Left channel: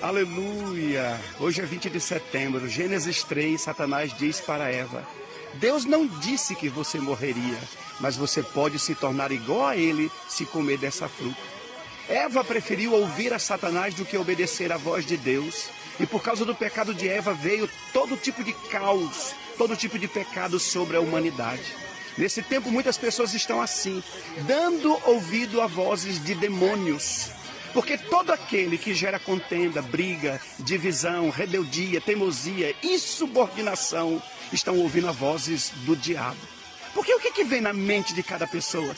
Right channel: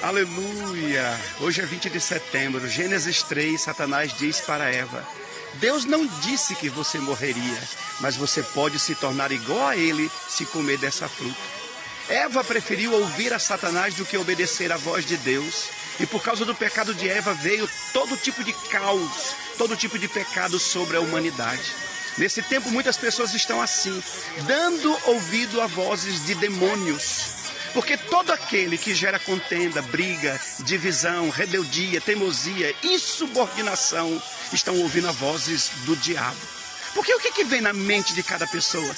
Aleluia! Hoje é 20 de setembro, Gênesis 3, Satanás diz para Eva: Deus não disse que você morreria, mas você pode se tornar igual a ele se comer dessa fruta. Eva preferiu ouvir a Satanás do que obedecer à voz de Deus. E por causa do pecado de Eva veio todo tipo de caos, todo tipo de pecado sobre a humanidade. Nesse tempo muitas pessoas estão assim, dando ouvido a vozes de demônios. Porque todo aquele que gera contenda, briga, divisão, rebeldia, teimosia, insubordinação, estão ouvindo as vozes do diabo. Porque o que vem na mente de cada pessoa?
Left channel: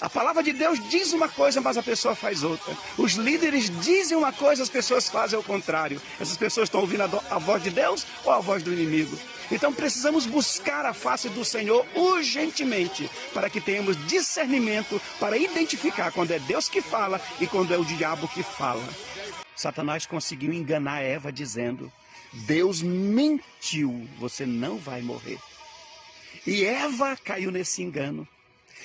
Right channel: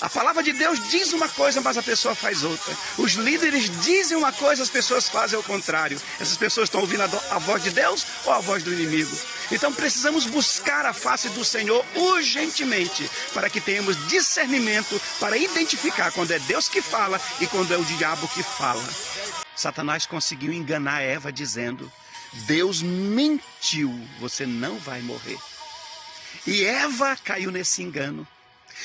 A palavra de Deus diz uma coisa, mas a pessoa faz outra. Os líderes dizem uma coisa, as pessoas fazem o contrário. Essas pessoas estão ouvindo a voz de Deus ou a voz do inimigo? Então precisamos buscar a face do Senhor urgentemente, para que tenhamos discernimento para identificar quando é Deus que fala e quando é o diabo que fala. Satanás conseguiu enganar Eva dizendo: Deus mentiu, você não vai morrer. E Eva caiu nesse engano.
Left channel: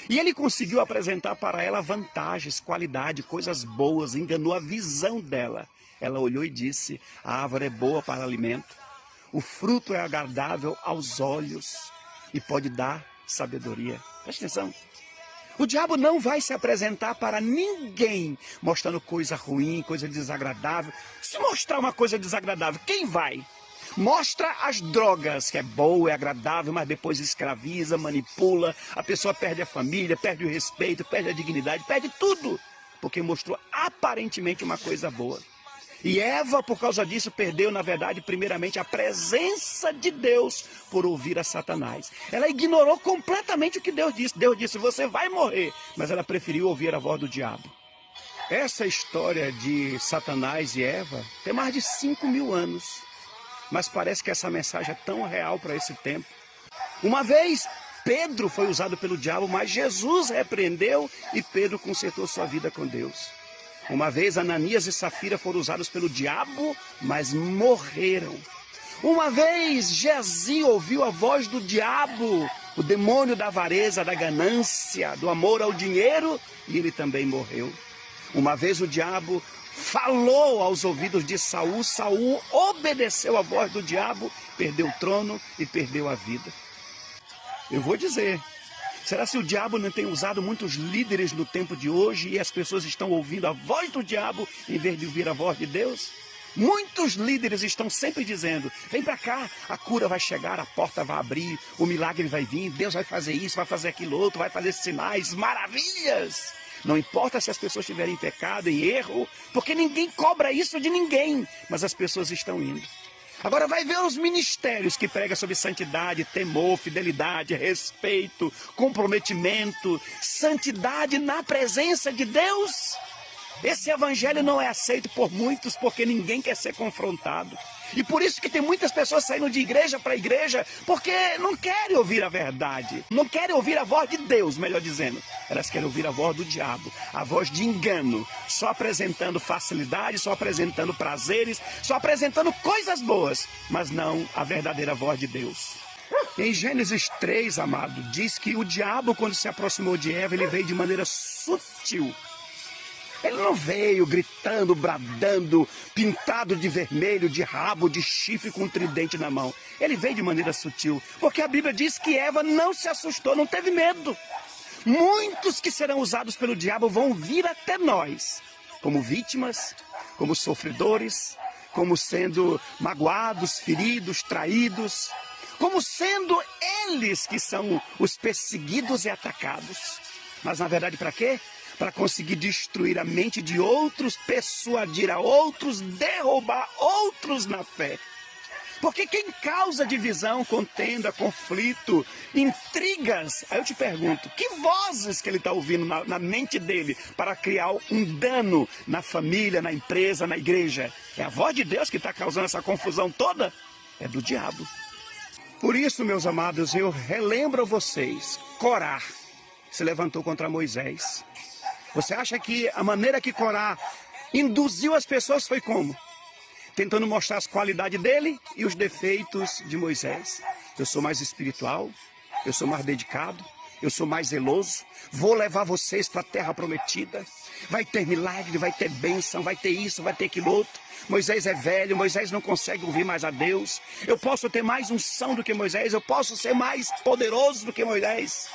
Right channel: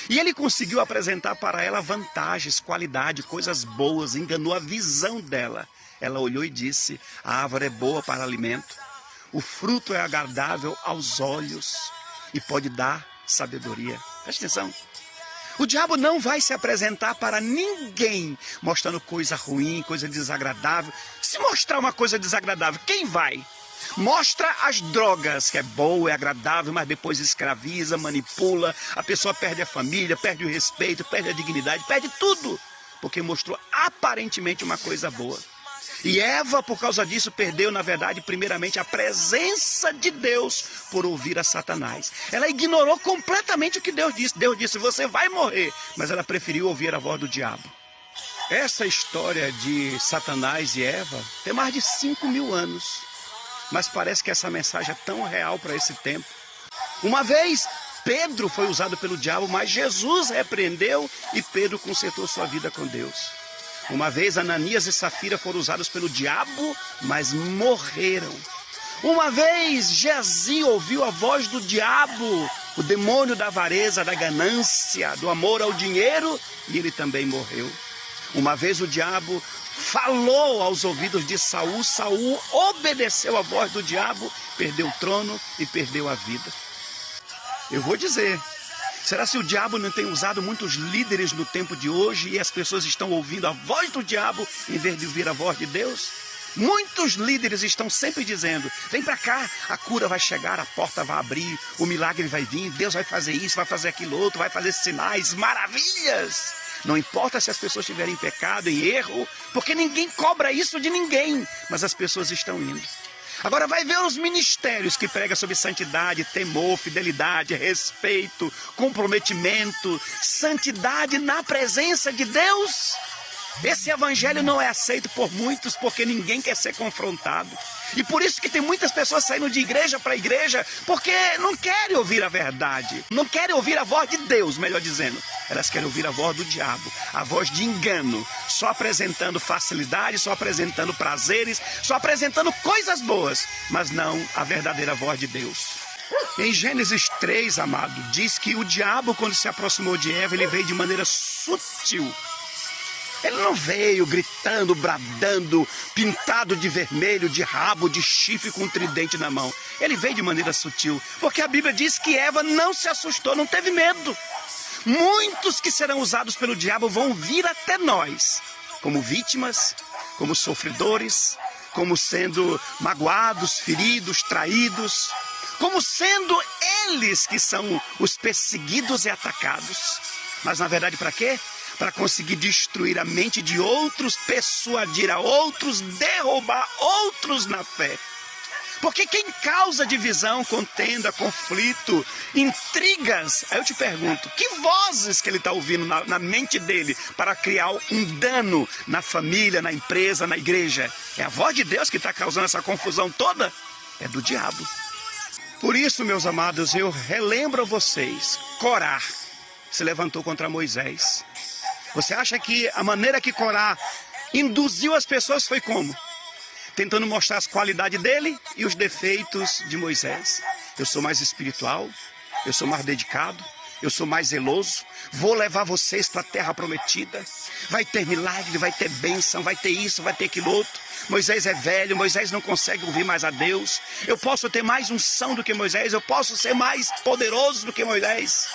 E ele conseguiu apresentar para ela vantagens, qualidade, coisas boas, enganou a visão dela. Ela olhou e disse: a árvore é boa para alimento, o fruto é agradável aos olhos e pode dar sabedoria. Presta atenção. O diabo não vai se apresentar para ninguém mostrando coisa ruim, coisa desagradável. Se mostrar uma coisa desagradável, quem vai? Mostra as drogas, que é boa, é agradável, mas depois escraviza, manipula, a pessoa perde a família, perde o respeito, perde a dignidade, perde tudo, porque mostrou aparentemente uma coisa boa. E Eva, por causa disso, perdeu, na verdade, primeiramente a presença de Deus por ouvir a Satanás. Ela ignorou completamente o que Deus disse. Deus disse: você vai morrer, mas ela preferiu ouvir a voz do diabo. Essa história de Satanás e Eva tem mais de 5.000 anos. Mas parece que essa mensagem é tão real para esse tempo. Uma vez Pedro foi usado pelo diabo, mas Jesus repreendeu e Pedro consertou sua vida com Deus. Uma vez Ananias e Safira foram usados pelo diabo, mas morreram. Uma vez Geazi ouviu a voz do diabo, o demônio da avareza, da ganância, do amor ao dinheiro, e ele também morreu. Uma vez o diabo falou aos ouvidos de Saul, Saul obedeceu a voz do diabo, perdeu o trono e perdeu a vida. Eu vou dizer, será se o diabo não tem usado muitos líderes no tempo de hoje e as pessoas estão ouvindo a voz do diabo em vez de ouvir a voz de Deus? Muitos líderes estão sempre dizendo: vem para cá, a cura vai chegar, a porta vai abrir, o milagre vai vir, Deus vai fazer isso, vai fazer aquilo outro, vai fazer sinais, maravilhas. Não importa se as pessoas estiverem em pecado, em erro, porque ninguém cobra isso de ninguém, mas as pessoas estão indo. Agora vai ver os ministérios que pregam sobre santidade, temor, fidelidade, respeito, comprometimento, santidade na presença de Deus. Esse evangelho não é aceito por muitos porque ninguém quer ser confrontado. E por isso que tem muitas pessoas saindo de igreja para igreja, porque não querem ouvir a verdade, não querem ouvir a voz de Deus, melhor dizendo. Elas querem ouvir a voz do diabo, a voz de engano, só apresentando facilidade, só apresentando prazeres, só apresentando coisas boas, mas não a verdadeira voz de Deus. Em Gênesis 3, amado, diz que o diabo, quando se aproximou de Eva, ele veio de maneira sutil. Ele não veio gritando, bradando, pintado de vermelho, de rabo, de chifre com um tridente na mão. Ele veio de maneira sutil, porque a Bíblia diz que Eva não se assustou, não teve medo. Muitos que serão usados pelo diabo vão vir até nós, como vítimas, como sofredores, como sendo magoados, feridos, traídos, como sendo eles que são os perseguidos e atacados. Mas na verdade para quê? Para conseguir destruir a mente de outros, persuadir a outros, derrubar outros na fé. Porque quem causa divisão, contenda, conflito, intrigas, aí eu te pergunto, que vozes que ele está ouvindo na mente dele para criar um dano na família, na empresa, na igreja? É a voz de Deus que está causando essa confusão toda? É do diabo. Por isso, meus amados, eu relembro a vocês, Corá se levantou contra Moisés. Você acha que a maneira que Corá induziu as pessoas foi como? Tentando mostrar as qualidades dele e os defeitos de Moisés. Eu sou mais espiritual, eu sou mais dedicado, eu sou mais zeloso, vou levar vocês para a terra prometida. Vai ter milagre, vai ter bênção, vai ter isso, vai ter aquilo outro. Moisés é velho, Moisés não consegue ouvir mais a Deus. Eu posso ter mais unção do que Moisés, eu posso ser mais poderoso do que Moisés.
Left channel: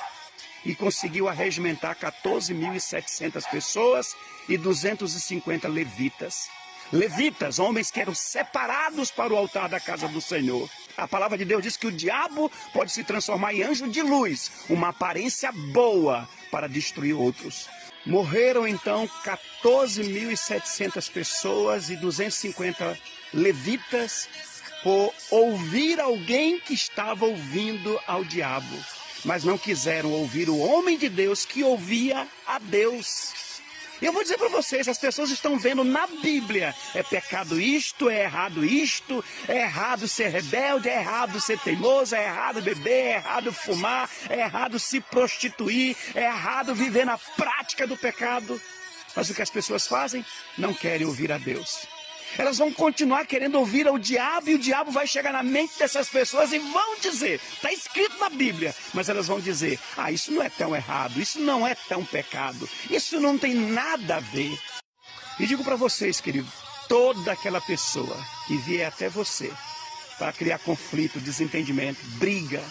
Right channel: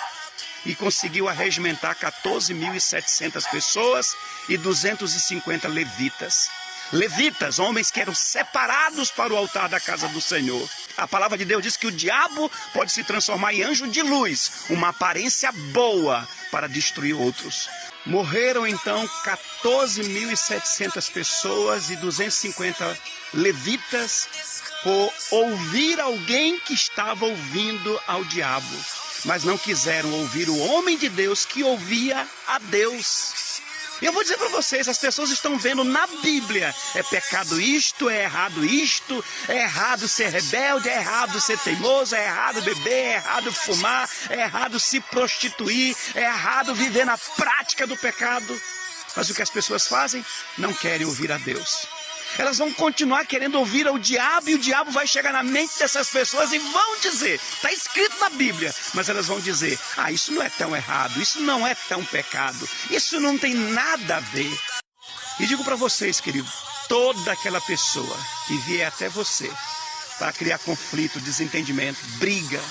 E conseguiu arregimentar 14.700 pessoas e 250 levitas. Levitas, homens que eram separados para o altar da casa do Senhor. A palavra de Deus diz que o diabo pode se transformar em anjo de luz, uma aparência boa para destruir outros. Morreram então 14.700 pessoas e 250 levitas por ouvir alguém que estava ouvindo ao diabo, mas não quiseram ouvir o homem de Deus que ouvia a Deus. E eu vou dizer para vocês, as pessoas estão vendo na Bíblia, é pecado isto, é errado ser rebelde, é errado ser teimoso, é errado beber, é errado fumar, é errado se prostituir, é errado viver na prática do pecado. Mas o que as pessoas fazem? Não querem ouvir a Deus. Elas vão continuar querendo ouvir ao diabo e o diabo vai chegar na mente dessas pessoas e vão dizer, está escrito na Bíblia, mas elas vão dizer, isso não é tão errado, isso não é tão pecado, isso não tem nada a ver. E digo para vocês, querido, toda aquela pessoa que vier até você para criar conflito, desentendimento, briga,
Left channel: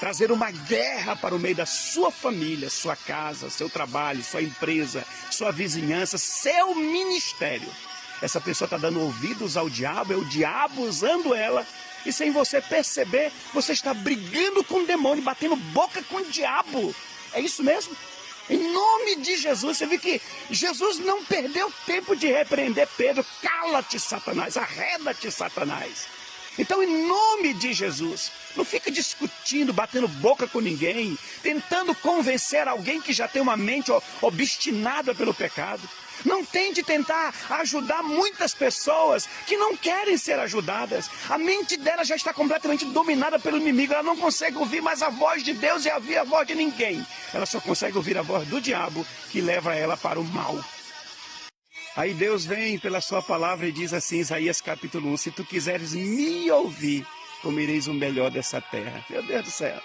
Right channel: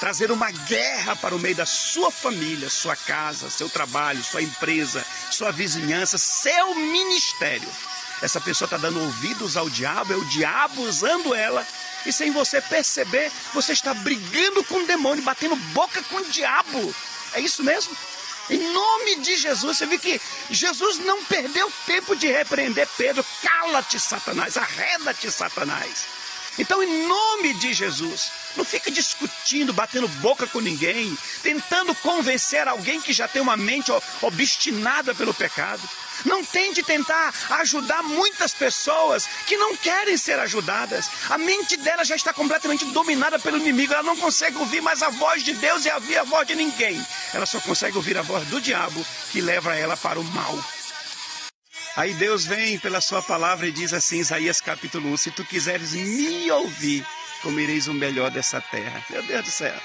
trazer uma guerra para o meio da sua família, sua casa, seu trabalho, sua empresa, sua vizinhança, seu ministério, essa pessoa está dando ouvidos ao diabo, é o diabo usando ela, e sem você perceber, você está brigando com o demônio, batendo boca com o diabo. É isso mesmo? Em nome de Jesus, você vê que Jesus não perdeu tempo de repreender Pedro. Cala-te, Satanás, arreda-te, Satanás. Então, em nome de Jesus, não fica discutindo, batendo boca com ninguém, tentando convencer alguém que já tem uma mente obstinada pelo pecado. Não tente tentar ajudar muitas pessoas que não querem ser ajudadas. A mente dela já está completamente dominada pelo inimigo. Ela não consegue ouvir mais a voz de Deus e ouvir a voz de ninguém. Ela só consegue ouvir a voz do diabo que leva ela para o mal. Aí Deus vem pela sua palavra e diz assim, Isaías capítulo 1, se tu quiseres me ouvir, comereis o melhor dessa terra. Meu Deus do céu.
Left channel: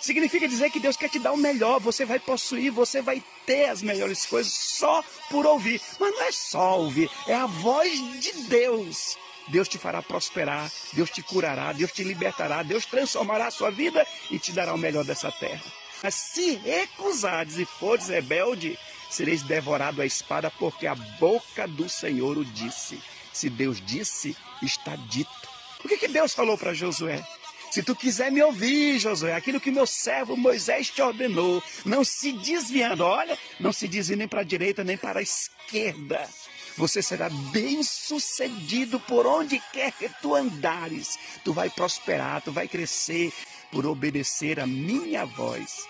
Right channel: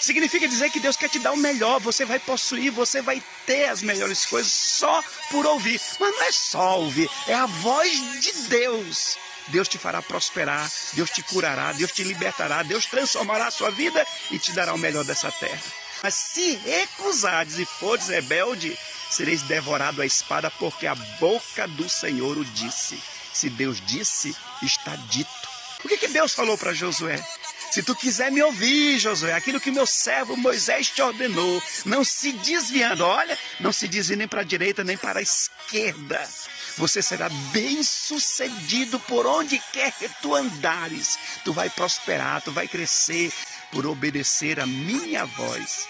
Significa dizer que Deus quer te dar o melhor, você vai possuir, você vai ter as melhores coisas só por ouvir. Mas não é só ouvir, é a voz de Deus. Deus te fará prosperar, Deus te curará, Deus te libertará, Deus transformará a sua vida e te dará o melhor dessa terra. Mas se recusares e fores rebelde, sereis devorado à espada, porque a boca do Senhor o disse. Se Deus disse, está dito. O que Deus falou para Josué? Se tu quiser me ouvir, Josué, aquilo que meu servo Moisés te ordenou, não se desviando, olha, não se desvie nem para a direita nem para a esquerda. Você será bem sucedido por onde quer que tu andares. Tu vai prosperar, tu vai crescer por obedecer a minha voz.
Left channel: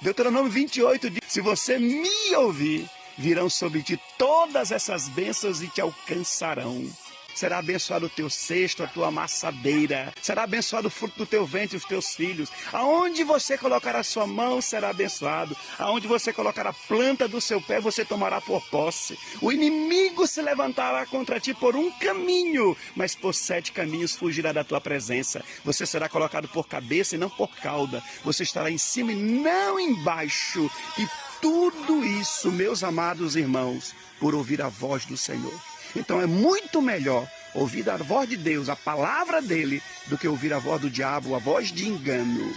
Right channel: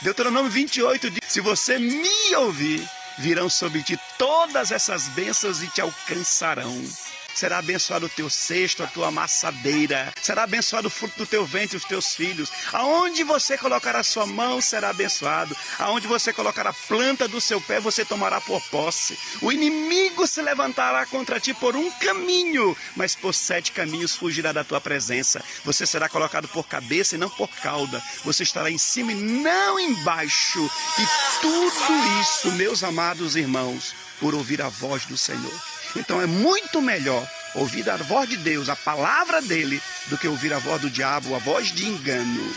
Deuteronômio 28 diz, se você me ouvir, virão sobre ti todas essas bênçãos e te alcançarão. Será abençoado o teu cesto, a tua amassadeira. Será abençoado o fruto do teu ventre e os teus filhos. Aonde você colocar a sua mão, será abençoado. Aonde você colocar a planta do seu pé, você tomará por posse. O inimigo se levantará contra ti por um caminho, mas por 7 caminhos fugirá da tua presença. Você será colocado por cabeça e não por cauda. Você estará em cima e não embaixo. E tudo isso, meus amados irmãos, por ouvir a voz do Senhor. Então é muito melhor ouvir a voz de Deus, a palavra dele, do que ouvir a voz do diabo, a voz de engano.